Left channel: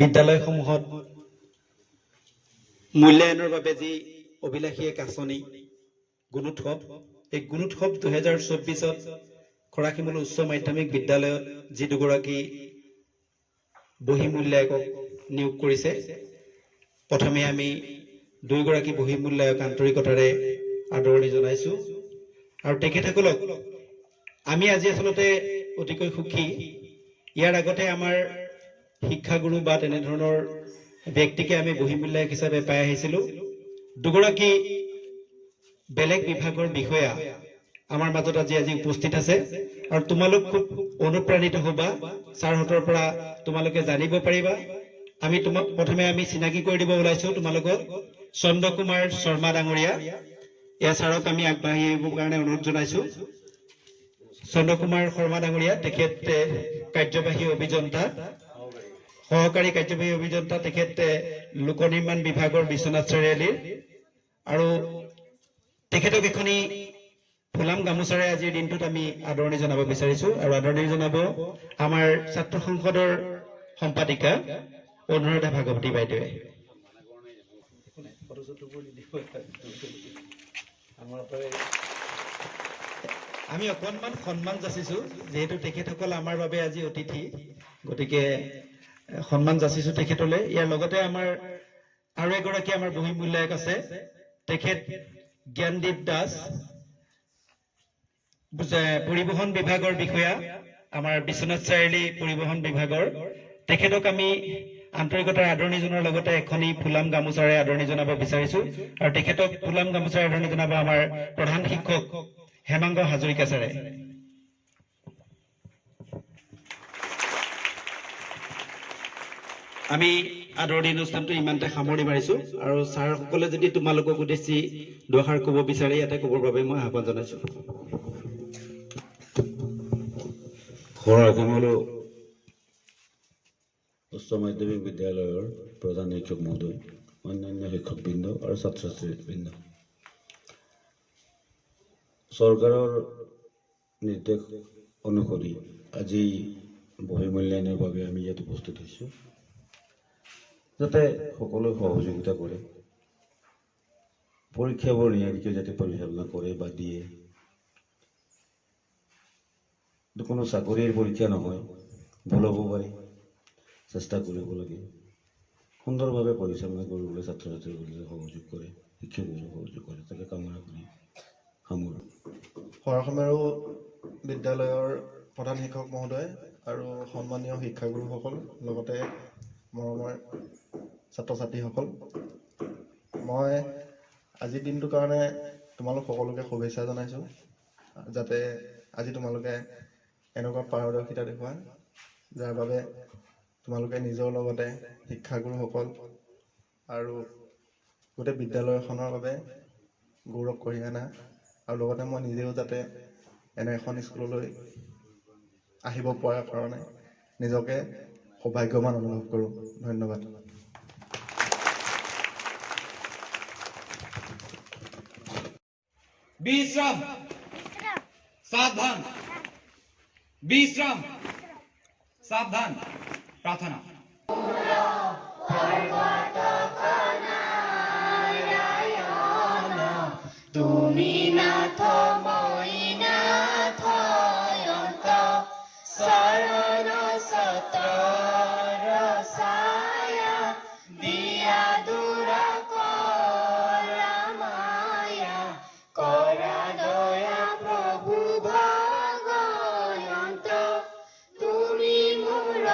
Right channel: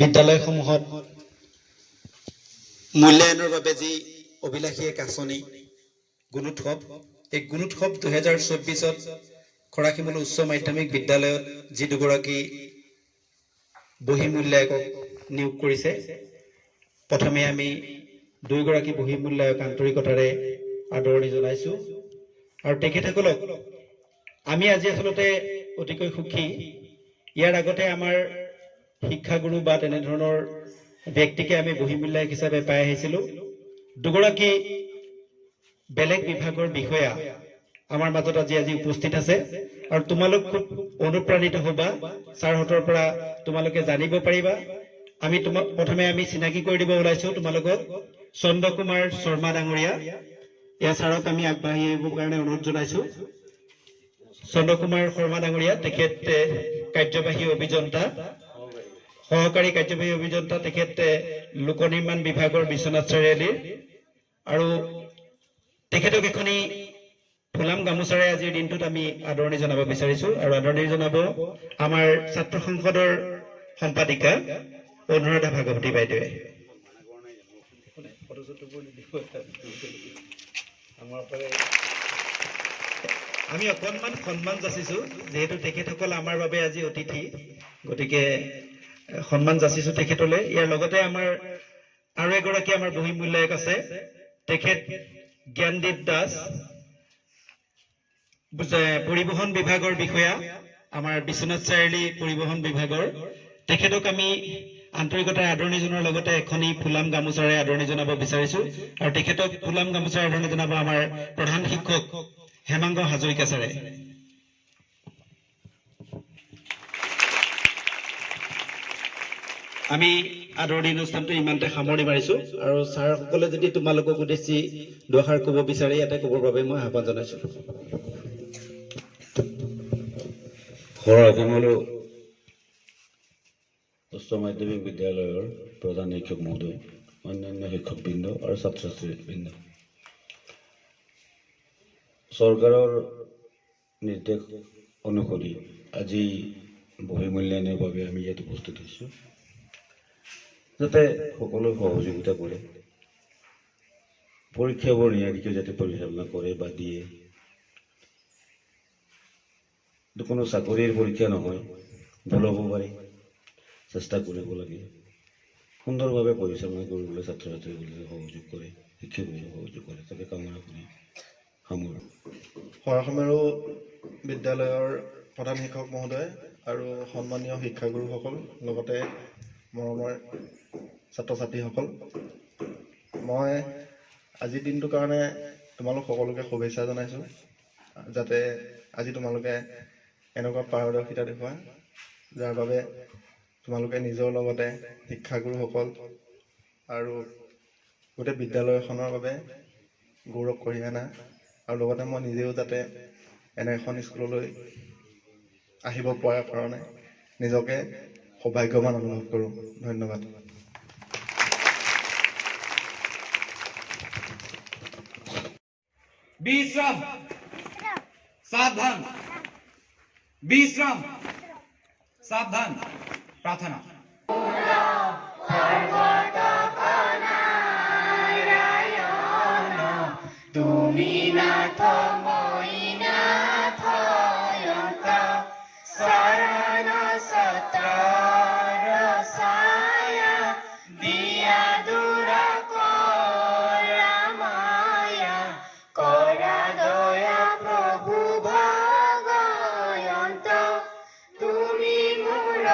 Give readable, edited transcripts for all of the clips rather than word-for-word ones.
বিদ্যালয়সমূহত মূল্যায়নৰ বাবে যি অভিলাষী এক আঁচনি গুণোৎসৱ, এই গুণোৎসৱ 2024-ত খৰাশিমুল উচ্চ মাধ্যমিক বিদ্যালয়ত যি দুগৰাকী বহী মূল্যায়কক নিয়োগ কৰিছে, প্ৰথমে আমি দুইগৰাকী বহী মূল্যায়ক আন্তৰিকতাৰে আদৰণি জনাইছো। আৰু তেখেতসকলক আমি আজি আচলতে অতিকৈ সুখী। ইয়াৰ আগতে আমাৰ শিক্ষাগুৰু বা তেনেধৰণৰ ব্যক্তিকে আমি বহী মূল্যায়ক হিচাপে পাই আহিছিলোঁ। দুগৰাকী বেলেগ বিভাগৰ বিষয়া আমাৰ মাজত আজি উপস্থিত আছে আৰু তোমালোক খুব অনুপ্ৰাণিত হ'বা, ছাৰহঁতৰ পৰা তোমালোকে জানিব পাৰিবা। আমি প্ৰথমে আমি চিনাকি কৰি দিব ওলাইছো তোমালোকক। চন্দ্ৰ কুমাৰ শৰ্মা ডাঙৰীয়া, এয়া ছাৰক আমি আগবাঢ়ি আহিবৰ কাৰণে অনুৰোধ জনাইছো। চন্দ্ৰ কুমাৰ শৰ্মা ডাঙৰীয়া, তেখেত কাৰ্যবাহী অভিযন্তা, সহকাৰী কাৰ্যবাহী অভিযন্তা, তেখেত লোক নিৰ্মাণ বিভাগৰ বিশ্বনাথ চাৰিআলিৰ। আৰু তেখেতক এখনি ফুলাম গামোচাৰে আজিৰ দিনটোত আমি আদৰণি জনাব বিচাৰিছো। আৰু আদৰণি জনাব আমাৰ ছাত্ৰ সংসদৰ সম্পাদিকা অনুৰাধা ভাগৱতী বাইদেৱে। আমি অকণমান সন্মান যাচিছো, যিহেতু তেখেতসকল আমাৰ বাবে আজি অতিথি, গতিকে সন্মান যাচিছো তেখেতলৈ। ইয়াৰ লগতে আমাৰ আৰু এগৰাকী আমাৰ বহী মূল্যায়ক আছে, তেখেত জ্ঞানদীপ দাস, পৰিবহণ বিভাগৰ বিষয়া, আমাৰ বিশ্বনাথ চাৰিআলি পৰিবহণ বিভাগৰ। তেখেতক আমি আন্তৰিকতাৰে আদৰণি জনোৱাৰ লগতে এখনি ফুলাম গামোচাৰে আদৰণি জনাব বিচাৰিছো। আৰু তেখেতক ফুলাম গামোচাৰে আদৰণি জনাব আমাৰ প্ৰধান শিক্ষক হেমাংগ হাজৰিকা ছাৰে। আমি আদৰণি অনুষ্ঠানটো ইমানতে সামৰণি মাৰিছো। আৰু ছাৰসকলে যদি তোমালোকক উদ্দেশ্যি দুআষাৰ ক'ব বিচাৰে, ইয়াতে ক'বৰ বাবে মই আহ্বান জনাইছো। খৰাশিমুল উচ্চ মাধ্যমিক বিদ্যালয়ৰ প্ৰধান শিক্ষক মহোদয়, অন্যান্য শিক্ষকবৃন্দ আৰু ছাত্ৰ ছাত্ৰীবৃন্দ, চৰকাৰৰ নিৰ্দেশ অনুসৰি আজি বহী মূল্যায়নৰ বাবে আমি ইয়াত উপস্থিত হৈছোঁ, যাতে সকলোৱে সহযোগিতা কৰে, পৰীক্ষাবোৰ নিয়াৰিকৈ যাতে পৰিচালনা কৰে বা দিয়ে। কোনো চাকৰিৰ পৰীক্ষা নহয়, ভুল হ'ব পাৰে, চেষ্টা কৰিব লাগে। সুন্দৰভাৱে পৰিচালনা কৰিবলৈ ছাত্ৰ ছাত্ৰীসকলে সহযোগ কৰে, শিক্ষকসকলে সহযোগ কৰে, তাকে কামনা কৰি সামৰোঁ। খৰাশিমুল বিদ্যালয়ৰ প্ৰধান শিক্ষক মহোদয় আৰু সন্মানীয় শিক্ষাগুৰুসকল, লগতে মৰমৰ ছাত্ৰ ছাত্ৰীসকল, মই আজিৰ দিনটোৰ কাৰণে তোমালোক সকলোকে শুভেচ্ছা জনাইছোঁ। যাতে আজি তোমালোকে এনেকুৱা পাৰদৰ্শিতা দেখুওৱা, যাৰ বাবে তোমালোকে নিজৰ লগতে শিক্ষাগুৰুসকল আৰু গোটেই বিদ্যালয়খনৰ বাবে গৌৰৱ কঢ়িয়াই আনা। আৰু লগতে মই নিজেও যাতে এনে এখন স্কুললৈ আহিব পৰাৰ কাৰণে নিজকে সৌভাগ্যৱান অনুভৱ কৰোঁ। ধন্যবাদ। বিশ্রাম, সাবধান, বিশ্রাম, সাবধান, প্রার্থনা। তুমি নাথ মই নাথ অন্ত শরণ সত্রর ছায়া দিয়া দূর করা মায়া করা দয়া প্রভু ভগয়ন্ত তুমি মোর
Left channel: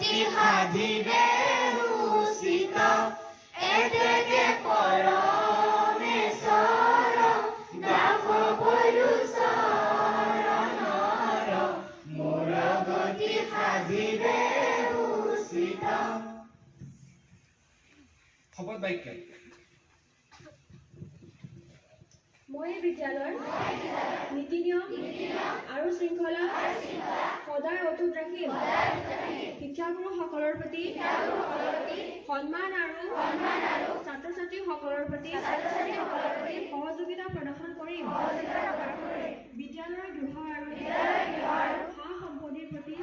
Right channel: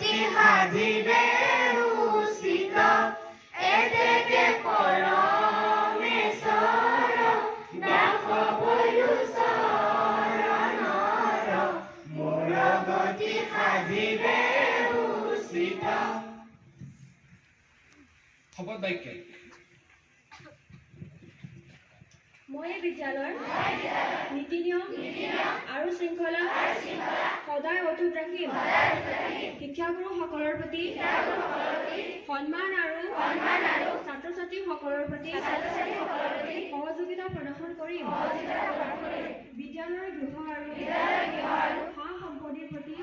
গতি সাধিবে উচিত এতেকে পৰমেশ্বৰ দাস বলো চৰণৰ মোৰ গতি সাধিবে উচিত। শপত বাক্য। মই এই বিদ্যালয়ৰ নীতি নিয়ম আৰু শৃংখলা সদায় অটুট ৰাখিম। শিক্ষাগুৰুসকলৰ প্ৰতি সন্মান আৰু ছাত্ৰ ছাত্ৰীসকলৰ প্ৰতি সহযোগিতা প্ৰদৰ্শন কৰিম। বিদ্যালয়ৰ গৃহ আৰু সা সম্পত্তিৰ প্ৰতি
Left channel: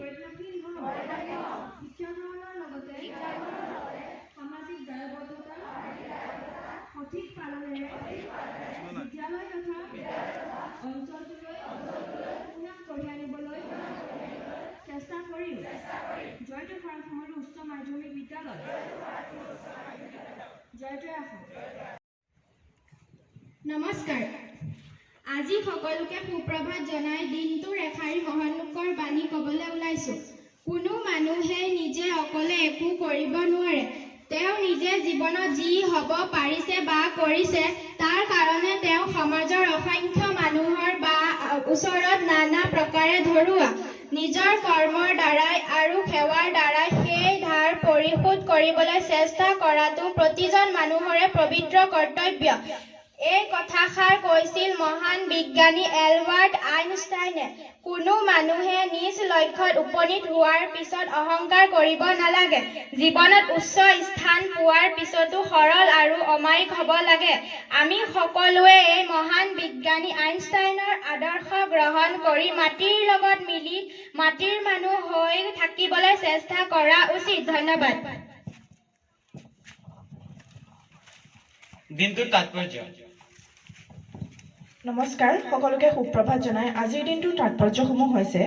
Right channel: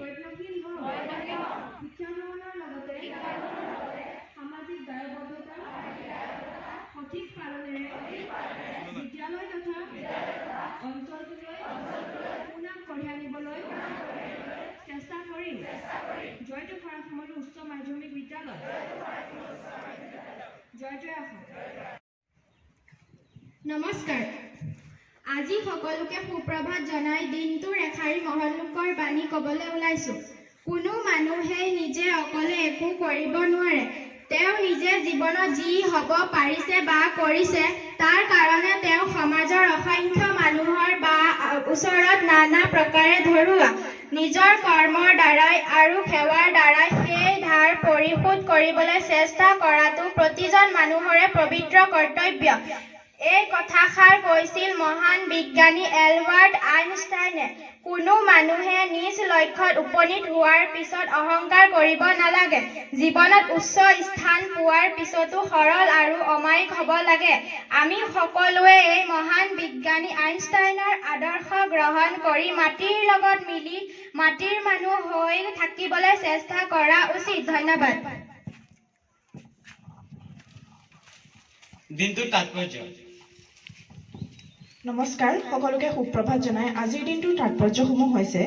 প্ৰজ্ঞাশীল হ'ম। শিক্ষা গ্ৰহণৰ লগতে সামাজিক দায়বদ্ধতা সঠিক পালনেৰে বিদ্যালয় তথা অঞ্চলটোলৈ সুনাম কঢ়িয়াই আনিবলৈ চেষ্টা কৰিম। জয়টো খৰাখমলু উচ্চ মাধ্যমিক বিদ্যালয়। জয় জয় অসম। নমস্কাৰ। আজি সকলোকে সুপ্ৰভাত জনাই দিনটোৰ এষাৰি মহৎ লোকৰ বাণী ক'বলৈ ওলাইছোঁ। কোনো মানুহেই নিজে অকলে একো কৰিব নোৱাৰে। তেওঁ নিজে জীৱনত যি হ'ব পাৰিছে বা কৰিছে তাৰ কাৰণে তেওঁ সমাজৰ অসংখ্য মানুহৰ বা ওচৰত নানা প্ৰকাৰে ধৰুৱা নিজৰ কৰ্মৰ দ্বাৰাই আৰু সেৱাৰ দ্বাৰাই সেই ধাৰ পৰিশোধ কৰিবলৈ চেষ্টা কৰাটো প্ৰতিজন মানুহৰে পবিত্ৰ কৰ্তব্য। এই কথাষাৰ কৈছিল মহান বিজ্ঞানী এলবাৰ্ট আইনষ্টাইনে। কোনো মানুহে নিজ লক্ষ্যত উপনীত হোৱাৰ পিছত অহংকাৰ কৰিব নালাগে। জীৱনত উচ্চ স্থান পোৱাৰ পিছতো সৰল আৰু অমায়িক হ'ব লাগে। আমি সকলোৱে এই মহান বিজ্ঞানী আইনষ্টাইনৰ আদৰ্শ গ্ৰহণ কৰি মাটিৰ লগত মিলি মাটিৰ মানুহ হৈ থাকিবলৈ চেষ্টা কৰা উচিত। ধন্যবাদ। দিনটোৰ তাৎপৰ্য। নমস্কাৰ, সকলোকে সুপ্ৰভাত জনাই আজিৰ দিনটোৰ তাৎপৰ্যসমূহ হৈছে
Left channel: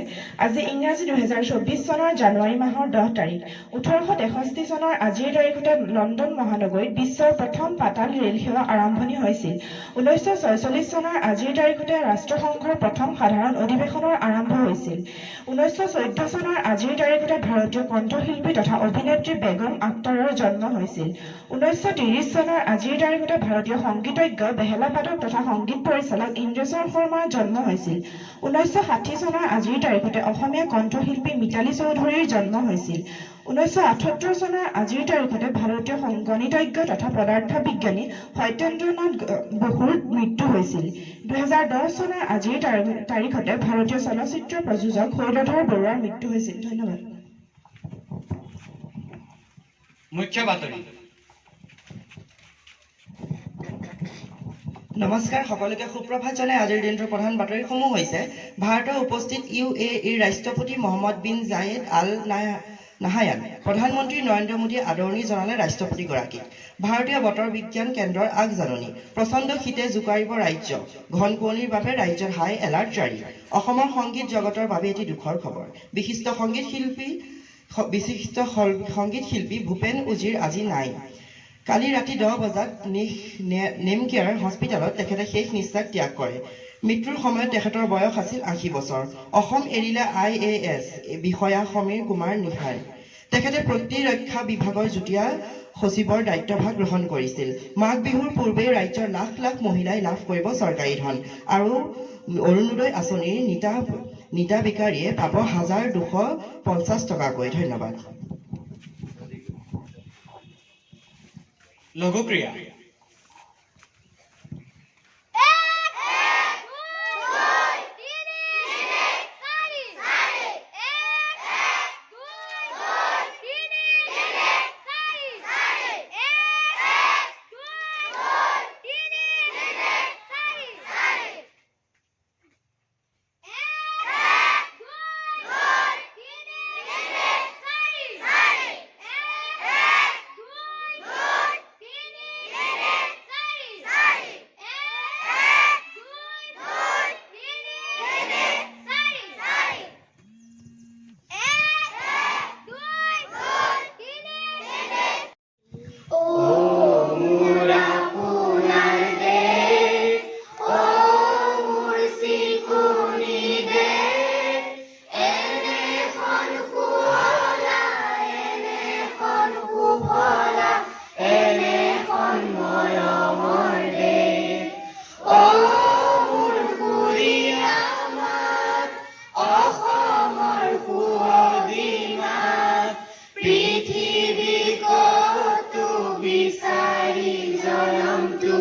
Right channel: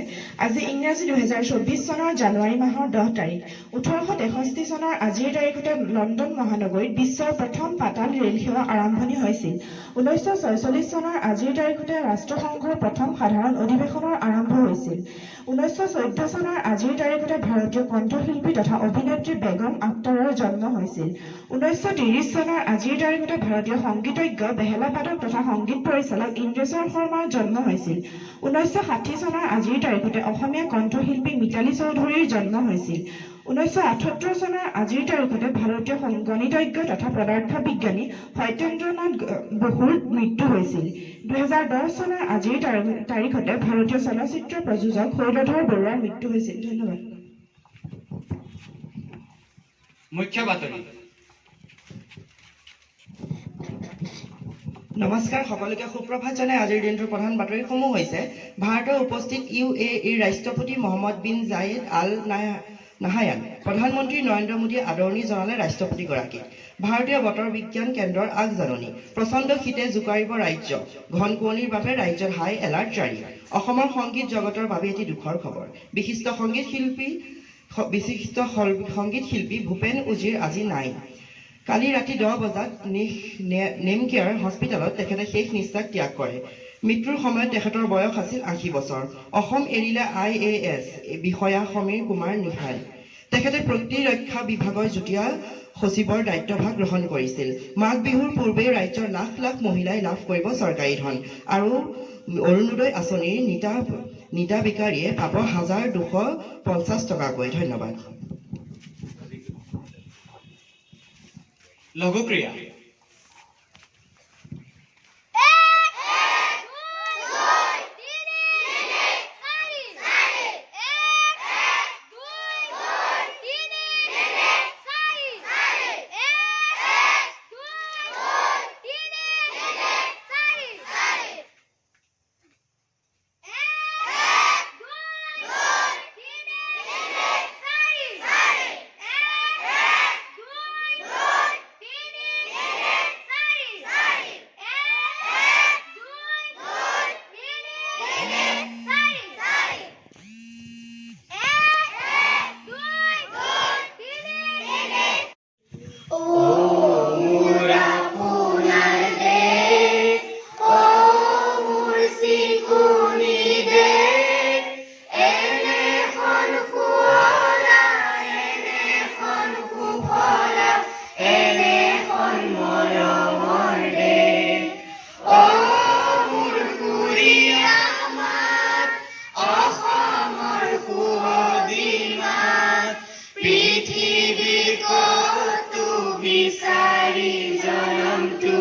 আজি ইংৰাজী 2024 চনৰ জানুৱাৰী মাহৰ 10 তাৰিখ। 1863 চনৰ আজিৰ তাৰিখতে লণ্ডন মহানগৰীত বিশ্বৰ প্ৰথম পাতাল ৰেল সেৱা আৰম্ভণি হৈছিল। 1946 চনৰ আজিৰ তাৰিখতে ৰাষ্ট্ৰসংঘৰ প্ৰথম সাধাৰণ অধিৱেশনৰ আৰম্ভ হৈছিল। 1914 চনৰ আজিৰ তাৰিখতে ভাৰতীয় কণ্ঠশিল্পী তথা অভিনেত্ৰী বেগম আখতাৰৰ জন্ম হৈছিল। 1930 চনৰ আজিৰ তাৰিখতে ভাৰতীয় সংগীতজ্ঞ বেহেলা পাঠক তথা সংগীত পৰিচালক ইন্দ্ৰেশ্বৰ শৰ্মাৰ জন্ম হৈছিল। 1960 চনৰ আজিৰ তাৰিখতে অসমীয়া কণ্ঠশিল্পী মিতালী চৌধুৰীৰ জন্ম হৈছিল। 1978 চনৰ আজিৰ তাৰিখতে ভাৰতীয় গণিতজ্ঞ তথা পদাৰ্থ বিজ্ঞানী সত্যেন্দ্ৰনাথ বসুৰ মৃত্যু হৈছিল। 2010 চনৰ আজিৰ তাৰিখতে ভাৰতীয় চলচ্চিত্ৰ প্ৰযোজক শৈলধৰ বৰুৱাৰ মৃত্যু হৈছিল। ধন্যবাদ। মুখ্য বাতৰি। নমস্কাৰ, সকলোকে সুপ্ৰভাত জনাই আজিৰ দিনটোৰ প্ৰধান বাতৰিসমূহ হৈছে ভাৰতৰ উপস্থিত UAEৰ ৰাষ্ট্ৰপতি মহম্মদ বিন জায়েদ আল নাহায়ান। প্ৰধানমন্ত্ৰী নৰেন্দ্ৰ মোদীয়ে আদৰণি জনালে ৰাষ্ট্ৰপতিগৰাকীক। ভাৰতীয় বতৰ বিজ্ঞান কেন্দ্ৰৰ আগজাননী। প্ৰচণ্ড শীতে জোকাৰিব ৰাজ্য। ঘন কুঁৱলীৰ বাবে ৰাজ্যত হাই এলাৰ্ট জাৰি। অসমৰ সংগীত জগতৰ বাবে এটি দুখৰ খবৰ। বিশিষ্ট সংগীত শিল্পী ভূপেন উজিৰ আজি নাই। কালি ৰাতি 10 বজাত নেমকেয়াৰ হস্পিটেলত তেখেতে শেষ নিশ্বাস ত্যাগ কৰে। মৃত্যুৰ সময়ত তেখেতৰ বয়স আছিল 80 বছৰ। অসম এৰিলে IAS বিষয়া সমীৰ কুমাৰ নিহাই। তেখেতে প্ৰতিৰক্ষা বিভাগৰ যুটীয়া সচিবৰ দায়িত্বভাৰ গ্ৰহণ কৰিছিল। মাঘ বিহুৰ পূৰ্বেই ৰাজ্যৰ লাখ লাখ মহিলাই লাভ কৰিব চৰকাৰী ধন আৰু অৰুণোদয় আঁচনিৰ নিতাবিকাৰীয়ে পাব 1250 টকাকৈ। ধন্যবাদ। লঘুক্ৰিয়া। সুদিমাত পৃথিৱী কতো বিচাৰি জনমটো